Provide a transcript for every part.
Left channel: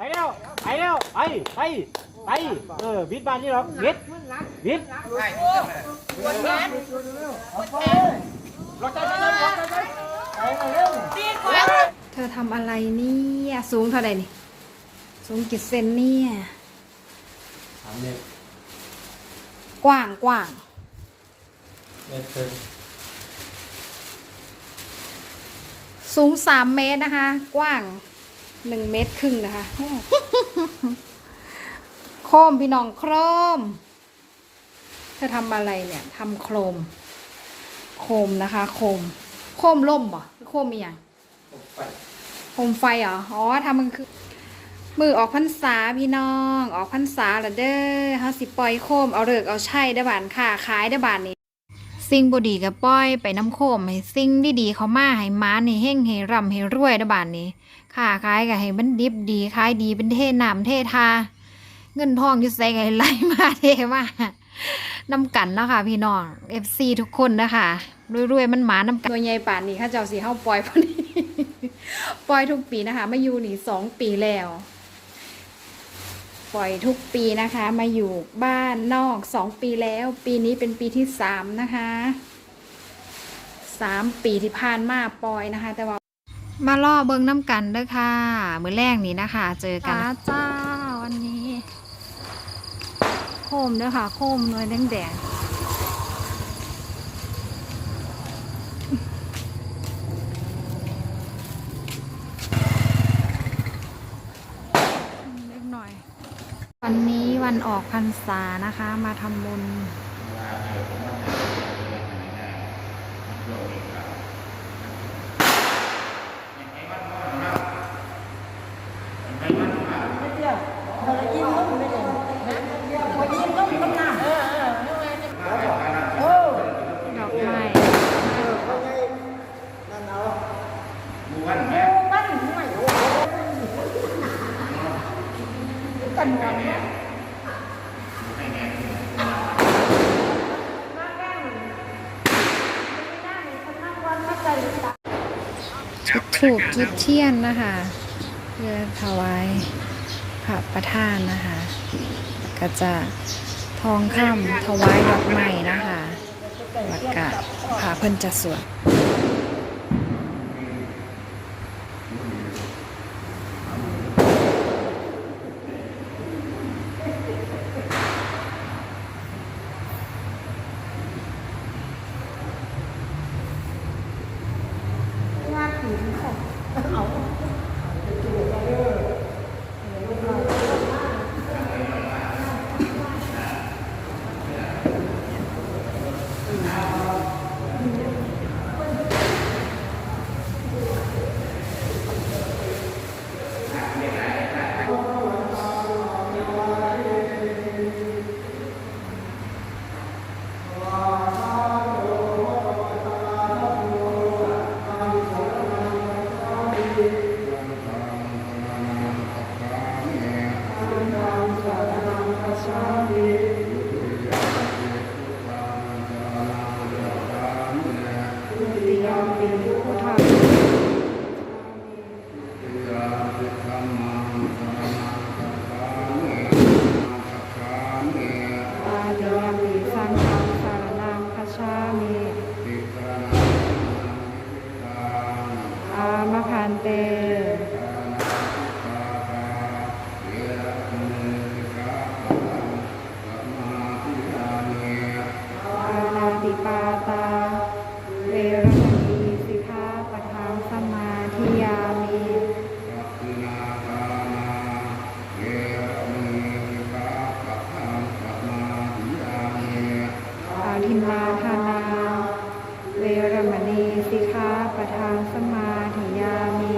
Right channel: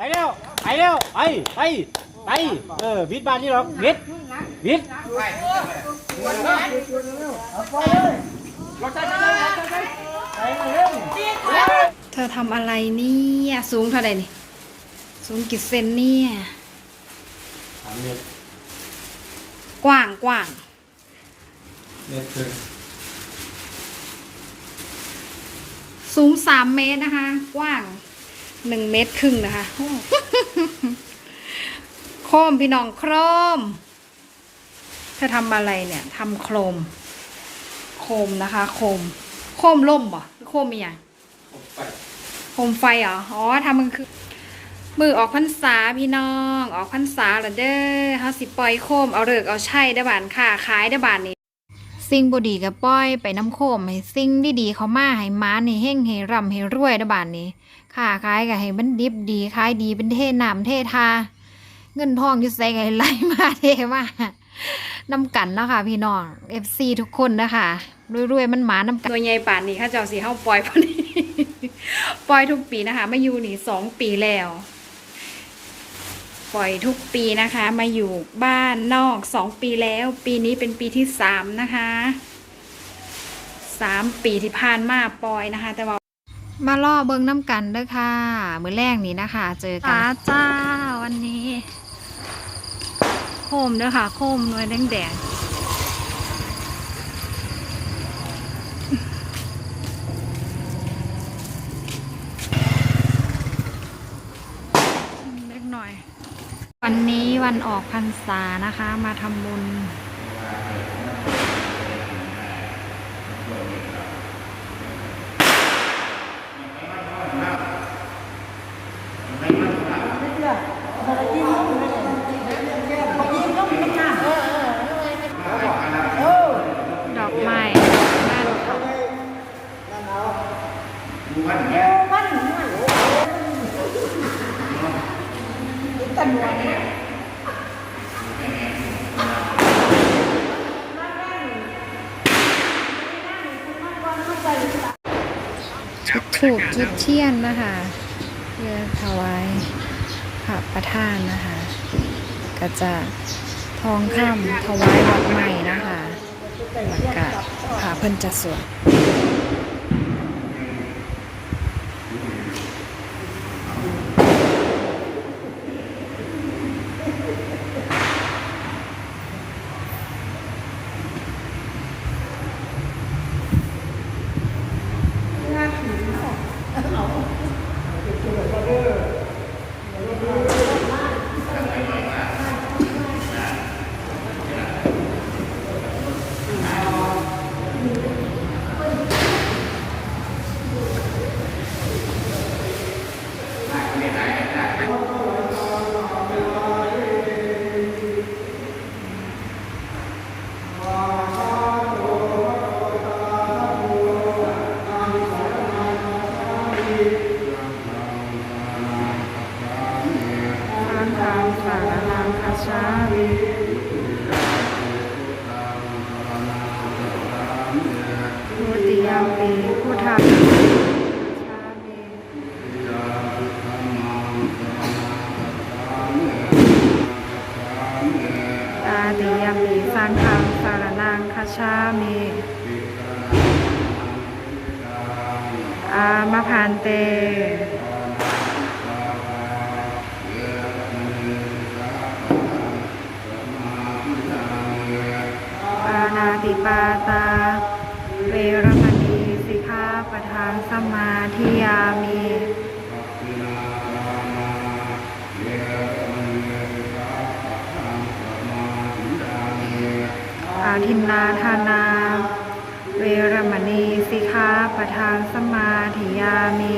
ไปแล้วไปแล้วไปไปไปเออวิทย์บ้านนี่หรอกวิทย์วิทย์เธอทำอะไรเนี่ยสูงเท่าไหร่นี่สูงกี่เซนเนี่ยสามเมตรกว้างกว้างเมตรครึ่งสูงสามเมตรนะคะ กว้าง หนึ่งเมตรครึ่งนะคะโอ้โคมพี่น้องโครมเธอทำอะไรเนี่ยทำโครม โคมนะคะ โคม โคมล่มบ่หรือโคมมีอย่างไปโคมไฟเหรออ๋อทำมันคือมือออกพรรษาพี่น้อง ออกพรรษาละเด้อเฮาสิปล่อยโคมเอาเลิกเอาใช่ได้บานค่ะขายได้บานนี้ สิ่งบดีกับป้อยไปน้ำโคมให้สิ่งดีๆเขามาให้ม้าให้เฮ่งให้ร่ำให้รวยได้บานนี้ ค่ะขายกับให้มันดิบดีขายดีเป็นเทน้ำเททา เงินทองอยู่ใส่กันไหลมาเทมาน้ำกันเนาะค่ะพี่น้อง FC ทุกคนนะคะรวยๆมันหมานำกันตัวใหญ่ป่านนี้ข้าเจ้าสีเฮาปล่อยพอดีปล่อยทุกปีนะคะมาอยู่นี่สองปีแล้ว ปล่อยทุกปีนะคะ มาอยู่บ้านนอกสองปีแล้ว ปีนี้เป็นปีที่สามนะคะสามปีที่ผ่านมาปล่อยนะคะ แต่ว่า มาล่อเบิงน้ำกันเด้อค่ะ มือแรกนี้นะคะ เจอกันจ้าวันนี้ โคมเด้อค่ะ โคมหน่วยแดงแดงเล็กหน่อย วันนี้วันออกพรรษานะคะ มาทำบุญ ดอกไม้บ้านเขา ชุดถูกจุดเทียนนะคะเพื่อถวายพระประธานนะคะ ก็จะทองคำถวายดอกไม้นะคะแล้วก็พาเพิ่นจะสวด ปทานสมาธิยามี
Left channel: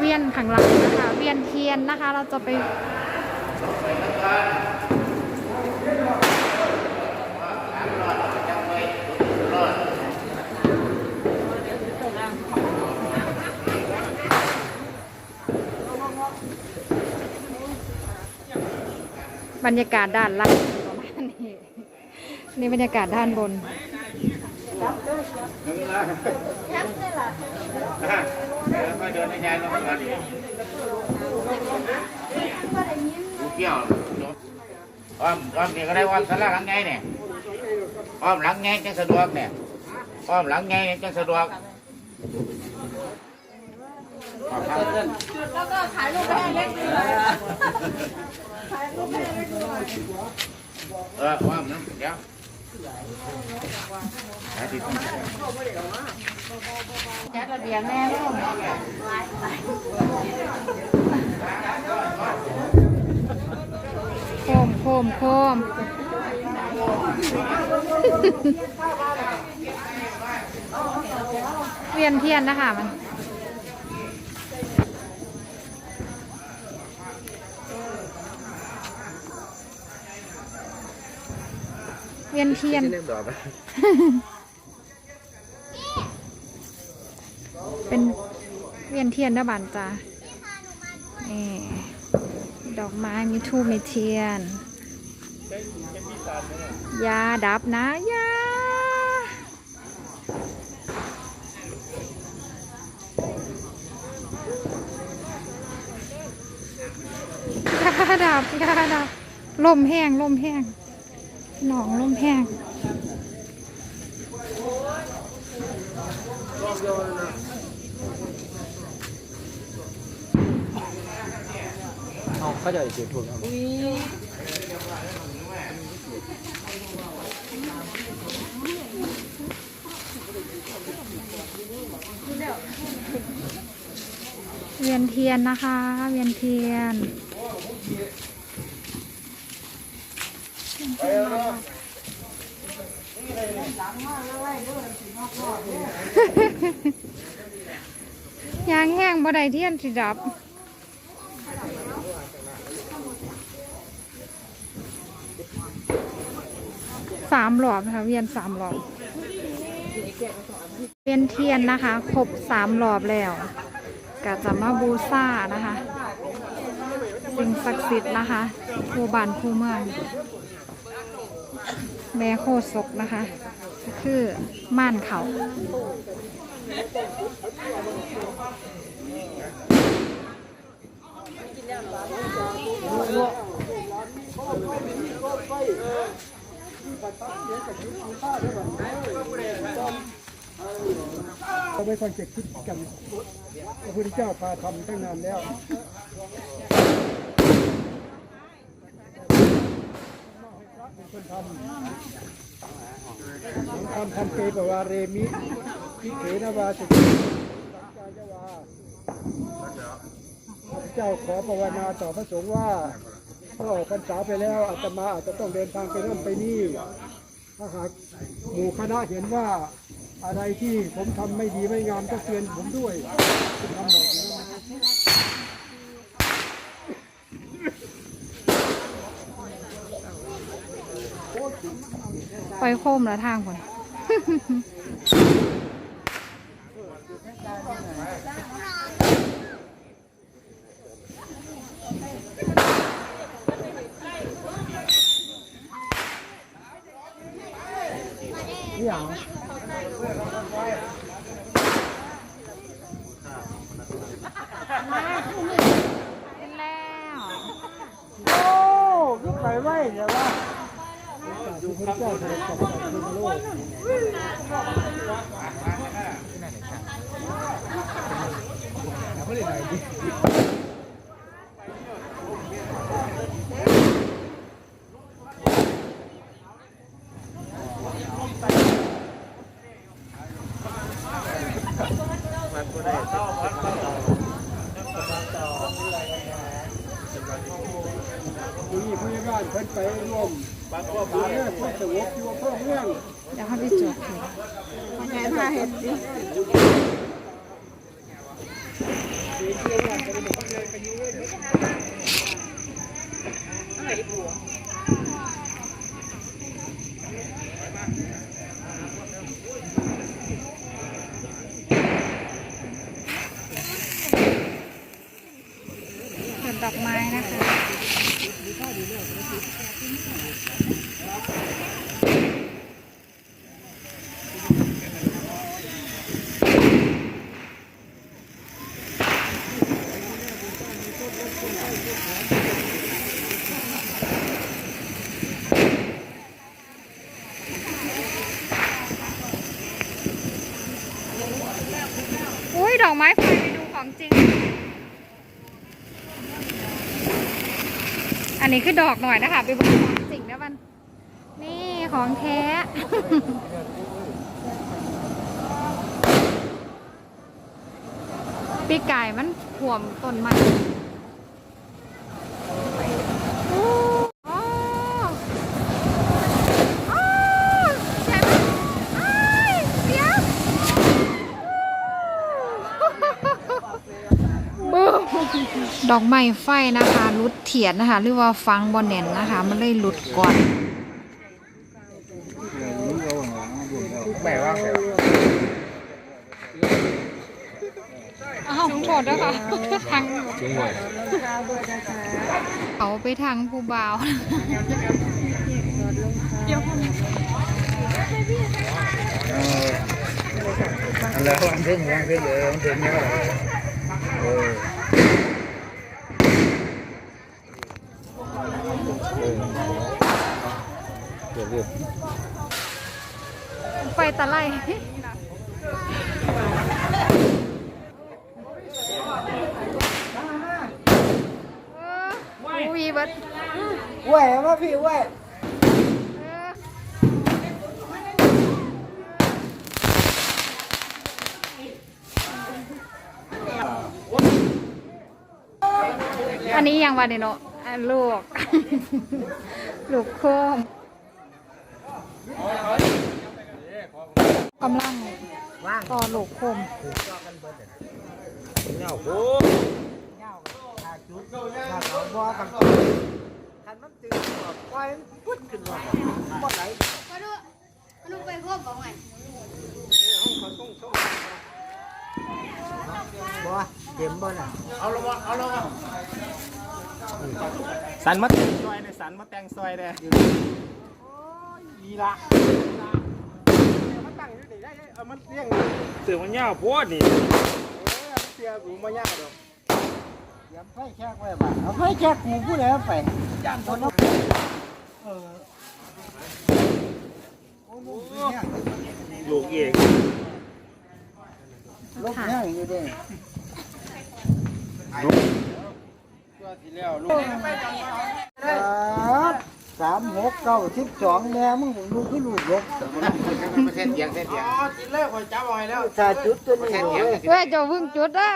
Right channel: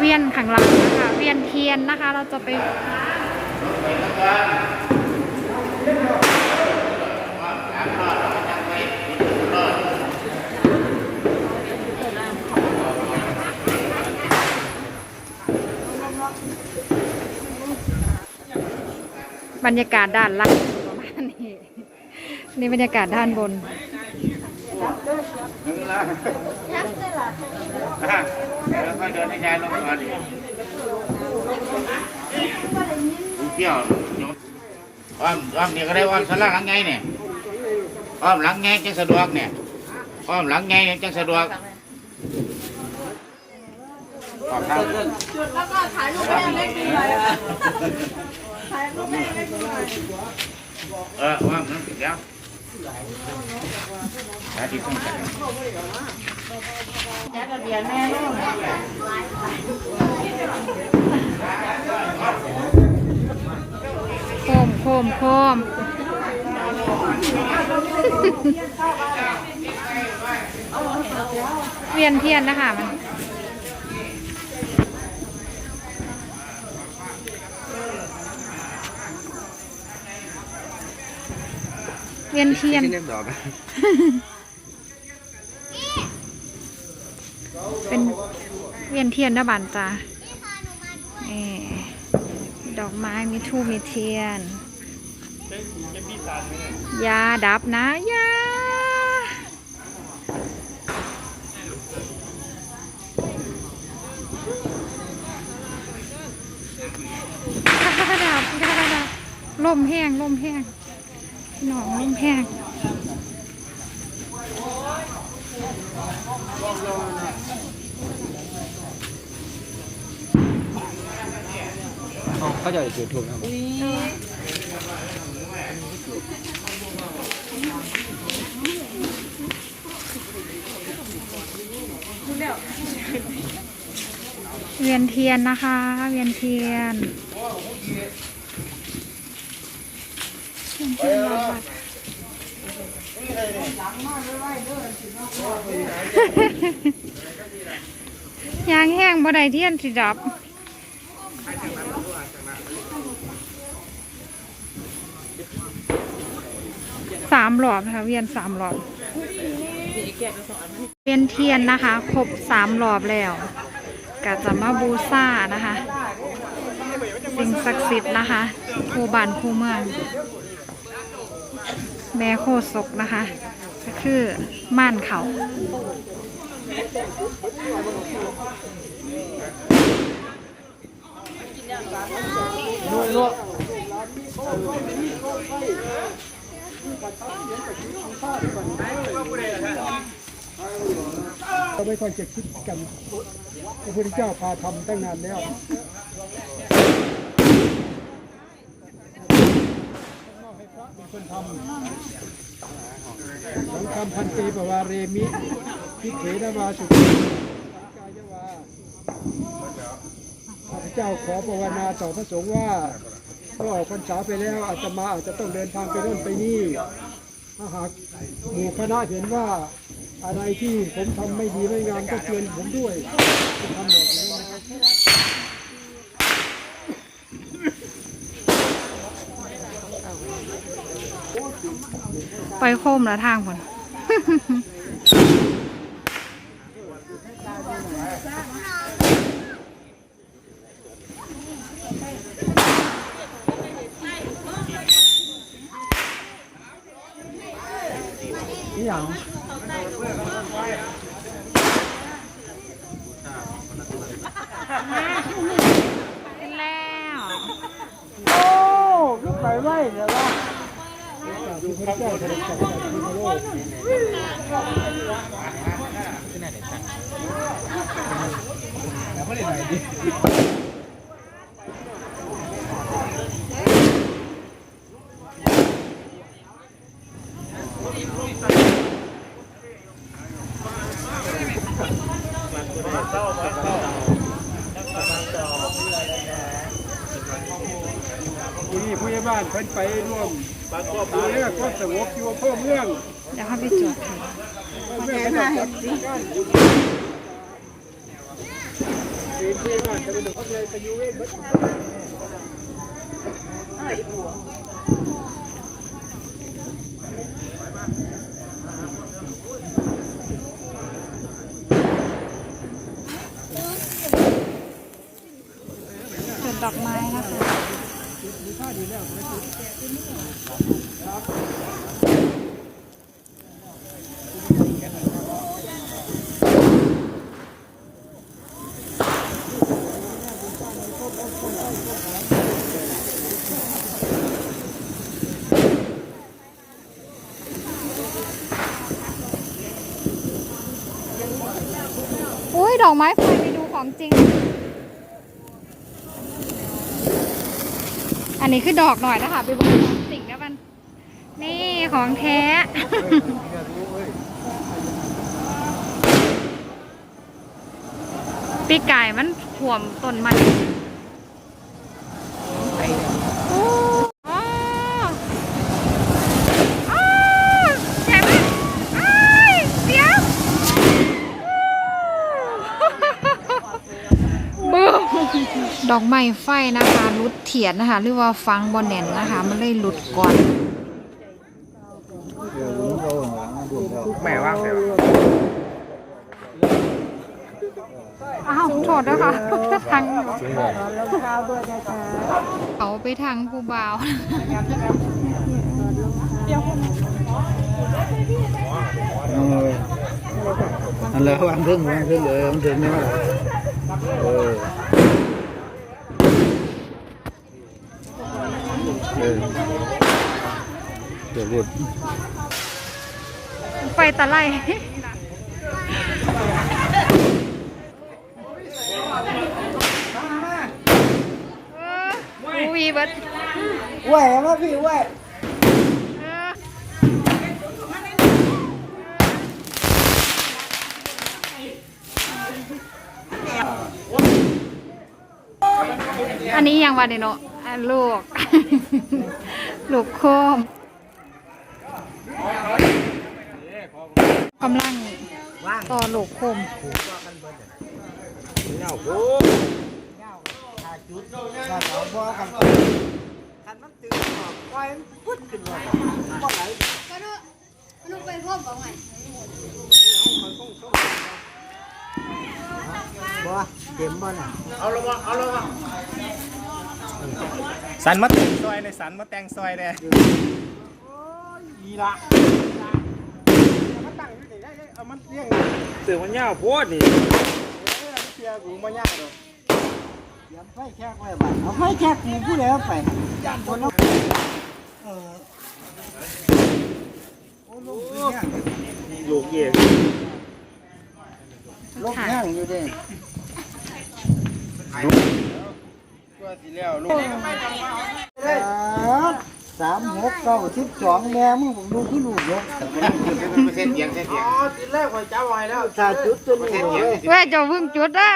เวียนข้างหลังนะคะ เวียนเทียนนะคะ เราจะไปบรรยากาศด้านล่างประมาณนี้นี่บรรยากาศด้านบน แช่เที่ยวอ้อมอ้อมเดี๋ยวก็ได้อ้อมสลักหลังไงเนี่ยอ้อมหลังไงจะสะดวกเนี่ยอ้อมหลังไงจะสะดวกแล้วก็ถ่ายรูปให้เล็กดีหน่ยถ่ายรูปให้เล็กดีหน่ยเออว่าเนั่อนเดี๋ยว จักระเบียนแม่ลูกโคมโคมโคมเวียนเทียนนะคะมัน เวียนเทียน เป็นเวียนเทียนนะบานจ้าดอกไม้มีทูบมีเทียน ยาดับนะยายาดับยาดับลมแห้งลมแห้ง หนองลมแห้งเขาจะจุดถูกเวียนเทียนนะคะ เวียนเทียนเวียนเทียนรอบวัด ยางแห้งบ่ได้เทียนสิดับสามหลอบนะคะเวียนสามหลอบเวียนเทียนนะคะ ครบสามหลอบแล้วก็จะมาบูซานะคะ สิ่งศักดิ์สิทธิ์นะคะครูบานครูเมืองแม่โคศกนะคะ ก็คือม่านเขาเราไม่ค่อยจะคิดกันพระพุทธเจ้าพาทำตั้งนานแล้วสังฆัม พันเตปวาเรมิพิเขนวาสุขกายวาพระเจ้าขอภาวนาต่อพระสงฆ์ว่าเมื่อออกพรรษาไปแล้วอาตมาอาจจะต้องเดินทางไปโน่นไปนี่ถ้าหากหมู่คณะเห็นว่าอะไรที่ผมทำไม่ดีไม่งามก็เตือนผมด้วยทำแบบนี้นะครับ ไปโคมแล้วทางผลนี่อย่างขึ้นแล้ว โอ้ยุคไหนไว้เดี๋ยวว่า ที่พระเจ้าเสด็จจากสายโลกผู้นี้ผู้ใหญ่บ้านเพิ่นไปร่วมดูแลความ สงบอยู่พ่อเมืองเดี๋ยวเข้าไปจดค่ะแม่พาเห็ดสิเรียนเพื่อนว่าจะเป็นเขาเลยไปยู่เว้ยจดดอกไม้นะคะ อุ้ยดอกไม้ไฟไปดูของจริง อันนี้คือดอกหน่อยนะคะ ไปบอกของจริงนะมัน นี่ของแท้ ปีกไก่มันถ่วมต้นมันโอ้อ๋ออ๋อใหญ่มากอ้ายเดี๋ยวบูม ดอกไม้ไฟนะคะรุดเถียนนะคะ หรือว่าฟังบอแน่นนะคะ มันเลยหลุดก่อนแม่ว่างแล้วอ้าวโทษนะคะทางเขาไปทางผู้บ่าวอันแล้ววางเพิ่งวางเพิ่งเลยวางเพิ่งเนี่ยเออเอ เดี๋ยวเดี๋ยวไฟตะไลเอออูวีเบิดไหวมาพี่ไหวเอออันนี้ยังวันเดโนะอะลูก ลูกโคม กำลังต่อลูกโคมเงาโอ้ว่าเขาบอกกันคันมันตื่นหัวไฟพุดขึ้นมาบ่ไหลมาดูมาดูไปพ่อบอกไงบ่เต็มบ่น่ะเอาลงมาเอาลงมาสันมาแต่งซอยในสันมาแต่งซอยเลยนี่ละมัน ตั้งอยู่ได้ได้เอามันเลี้ยงตื่นมันยาวโพดนี่เสียกูบ่ยากดอกเตรียมไฟแขกไว้บ่เอาไฟแขกกูผู้ใดเอาไปย่านบนเอาเออโอ้ลูกเนี่ยลูกเย่ลูกย่างอยู่เด้ตัวสิแล้วลูก สามหกเก้าสิบสองแม่มึงผมดูคือลูกยกเส้นเสียงเส้นเสียงทีแรกว่าจะไว้แล้วถ้าจุดจนเส้นหัเสียงวเส้นเสียงเว้ยเจะพึ่งจุดได้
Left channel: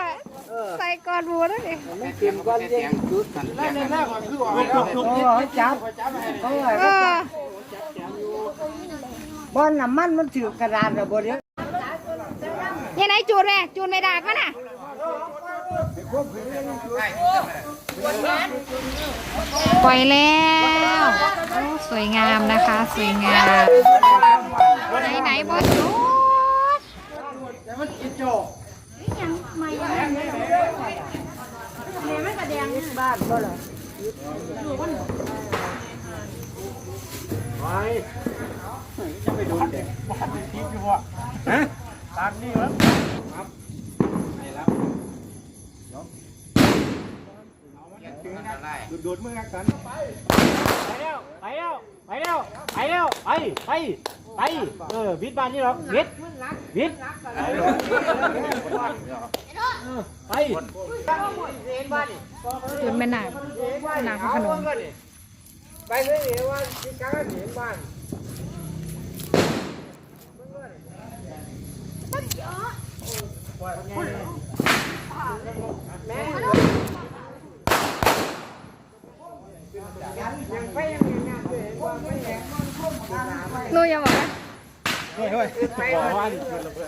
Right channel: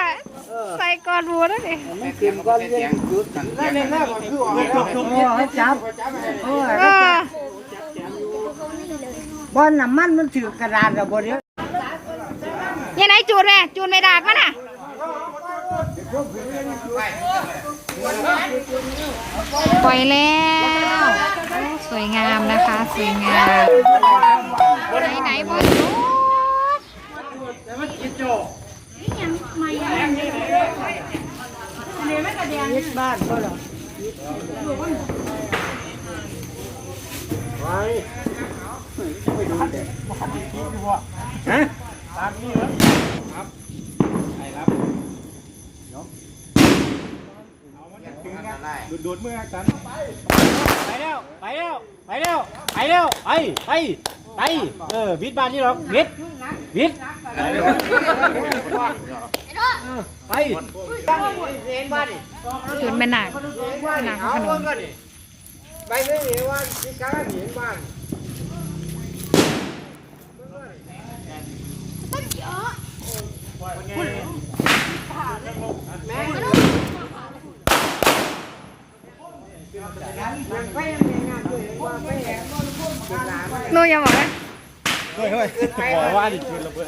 เออใส่ก่อนบัวได้ดิมันขึ้นก้อนเรียนจุดแล้วในหน้าก็คือออกแล้วให้จับเออเออบอนน้ำมันมันถือกระดาษกับบนเนี้ยยังไงจูดแม่จูดไม่ดากมันอะ ปล่อยแล้วโอ้สวยงามนะคะ สวยงาม ไหนไหนบอจูดบ้านก็หรอ ดูดมือกันไปแล้วไปแล้วไปแล้วไปแล้วไปไปไปเออวิทย์บ้านนี่หรอกวิทย์วิทย์เออไปจุดแม่นางแม่นางพระโขนงไปไม่เห็นว่าที่กลางเห็นบ้านหนู อย่าบอกเลยเฮ้ยเฮ้ยบอกว่าดิคืนระเบิด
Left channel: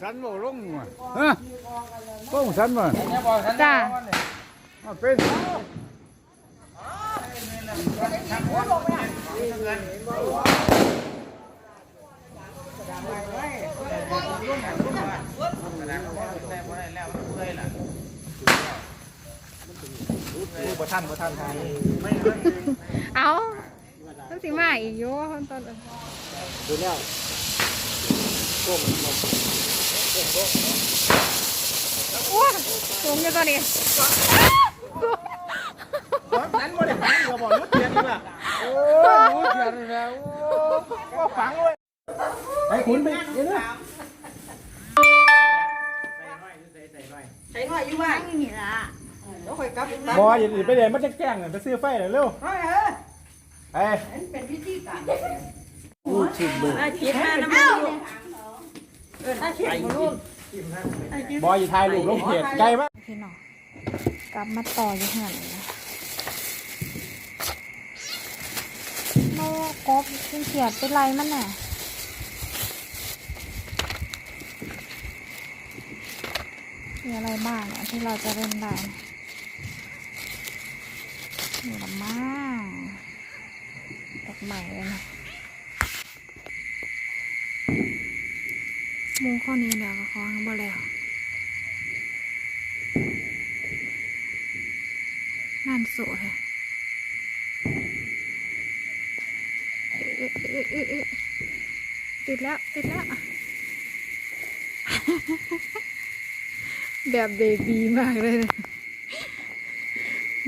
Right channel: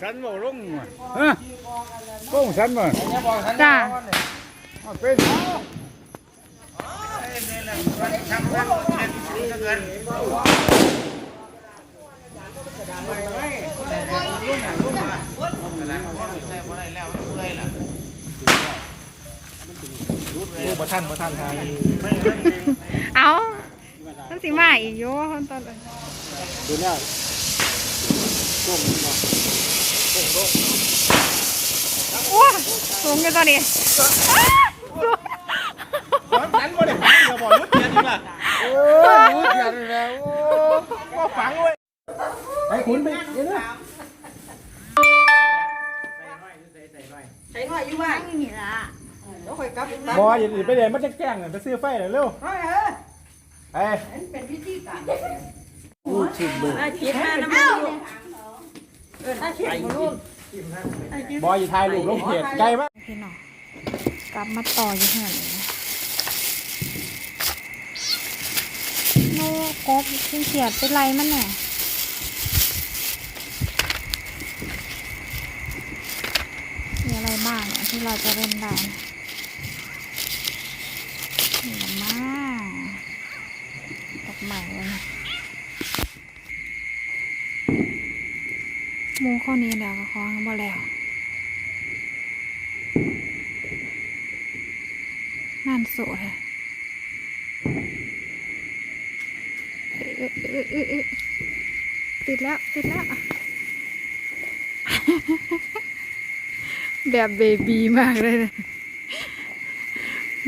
สันบ่ล งฮะลงสันบ่จ้าเป็นเอาต้องสิมาอีกโย่ตอนเลยดูแล้วโอ้สูงอยู่ตอนนี้อ้าสูงนั้นว่าเดี๋ยวเราบอกยุดเทียนนี่แหละก็ฝังไว้ไอ้ขุนไปเดี๋ยวนะนั่งอย่างนี้ล่ะ บอยอย่าไปเดี๋ยวมันจะแกล้งไปซื้อไฟหน่อยเร็วไอ้คิดมาน้ำมันบอยอย่าถ่ายรูปลงเพจไกลปะพี่น้องกลับมาต่ออยู่เหือนเลยนะโนกบขึ้นเขียดไปไล่มันแน่มีอะไรบ้างเนี่ยที่เราจะเล่นได้นะนี่ละมาดอก ใหม่เลยนะหมูข้อนี้แล้วก็คล้องบ่แล้วนั่นโสดค่ะเอ๊ะเอ๊ะเอ๊ะเติดแล้ว ติดแล้ว แบบเบบีมากเลยนะ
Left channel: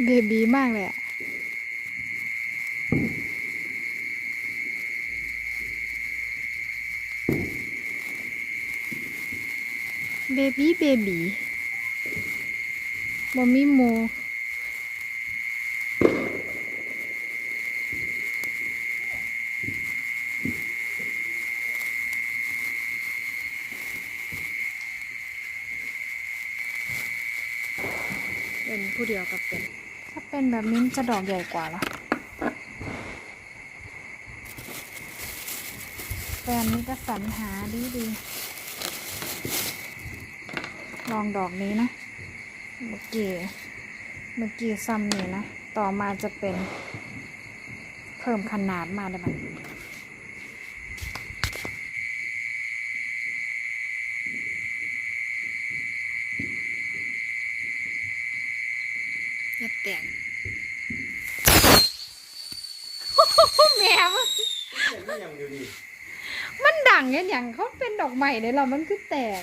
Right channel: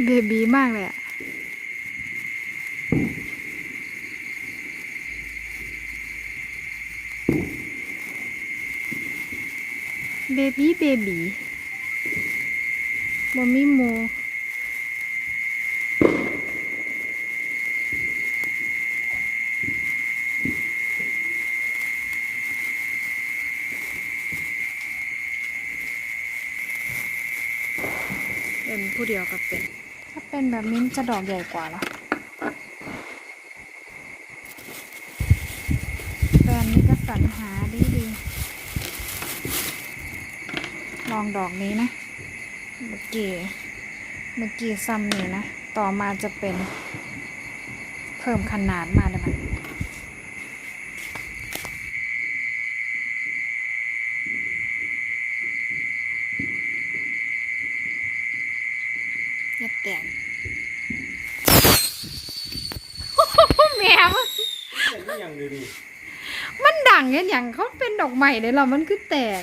เบบีมากเลยอะ เบบี้เบบีบอมีโมเป็นผู้เดียวกับเป็น ถ้าเป็นแบบนี้มันจะดอกใหญ่กว่าเหรอแฟนนี่ก็สรรหาดีดีๆ ลองดอกนี้นะ เมื่อกี้ เมื่อกี้ซ้ำนี่นะ ต่อมาจะเป็น เพิ่มขนาดมาเลยมันอย่าแตกแมวมันดังเงี้ยอย่างเขาเป็นดอกใหม่เลยเหรอมันคือแตก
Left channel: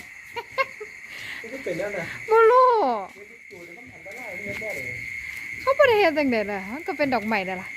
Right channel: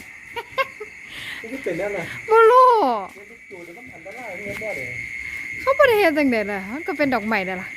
เป็นแล้วนะบลูเขาบริเวณจังเด็ดอะมันก็เป็นดอกใหม่เลยล่ะ